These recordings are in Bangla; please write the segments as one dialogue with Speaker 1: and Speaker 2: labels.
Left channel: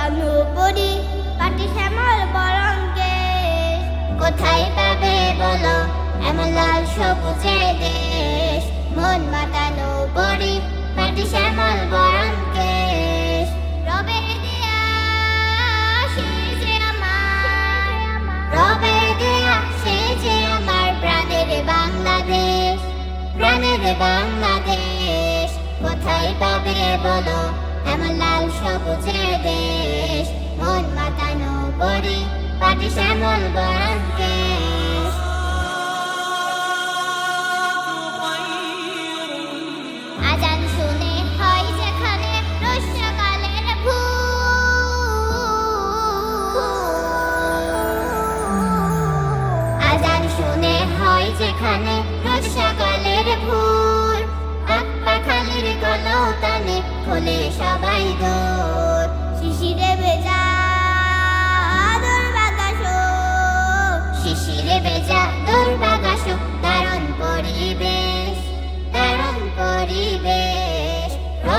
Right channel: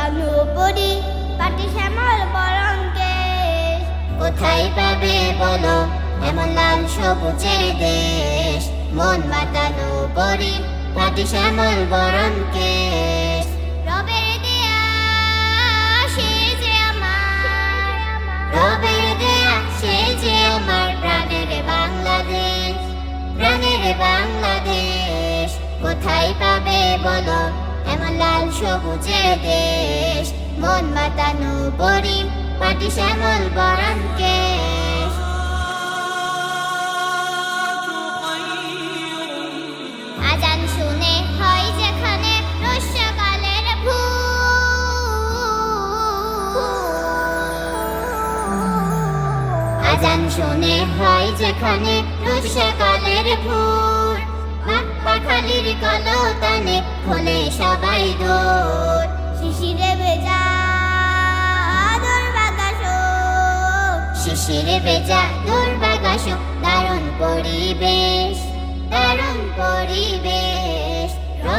Speaker 1: বড়ি পাটি শ্যামল বরণকে কোথায় পাবে বলো, এমন লাল সবুজে দেশ। মন মাতানো বড়ি, পাটি শ্যামল বরণকে পাটি শ্যামল আজান শুনে যেখানে আজান শুনে যেখানে কলতানে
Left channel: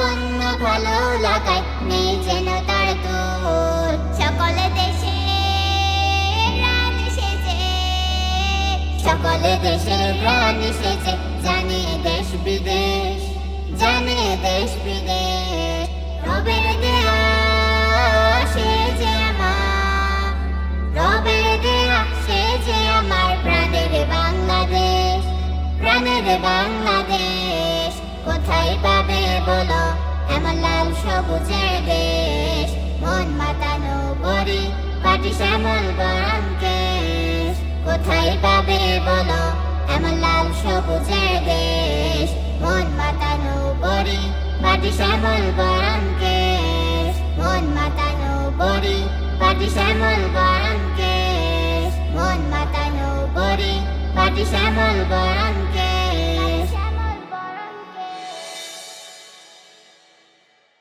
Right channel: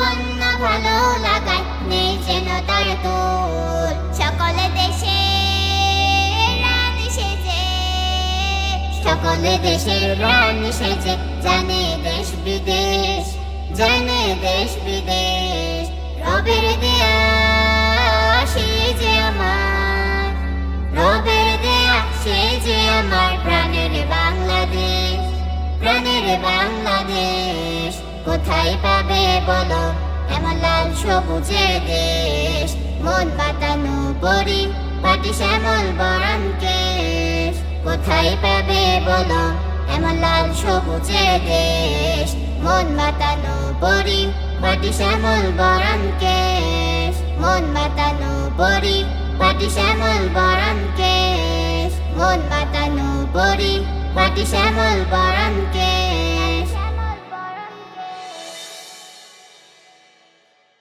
Speaker 1: রূপ ভালো লাগায় নেই যেন তার তোর সকলে দেশে রানী সেজে, সকলে দেশের রানী সেজে, জানে দেশ বিদেশ, জানে দেশ বিদেশ। রবের দেয়া সে যে আমার রবের দেয়া সবুজের দেশ, মন মাতানো বড়ি, পাটি শ্যামল বরণ কেশ। কোথায় পাবে বলো, এমন লাল সবুজের দেশ, মন মাতানো বড়ি, পাটি শ্যামল বরণ কেশ। মন মাতানো বড়ি, পাটি শ্যামল বরণ কেশ। মন মাতানো বড়ি, পাটি শ্যামল বরণ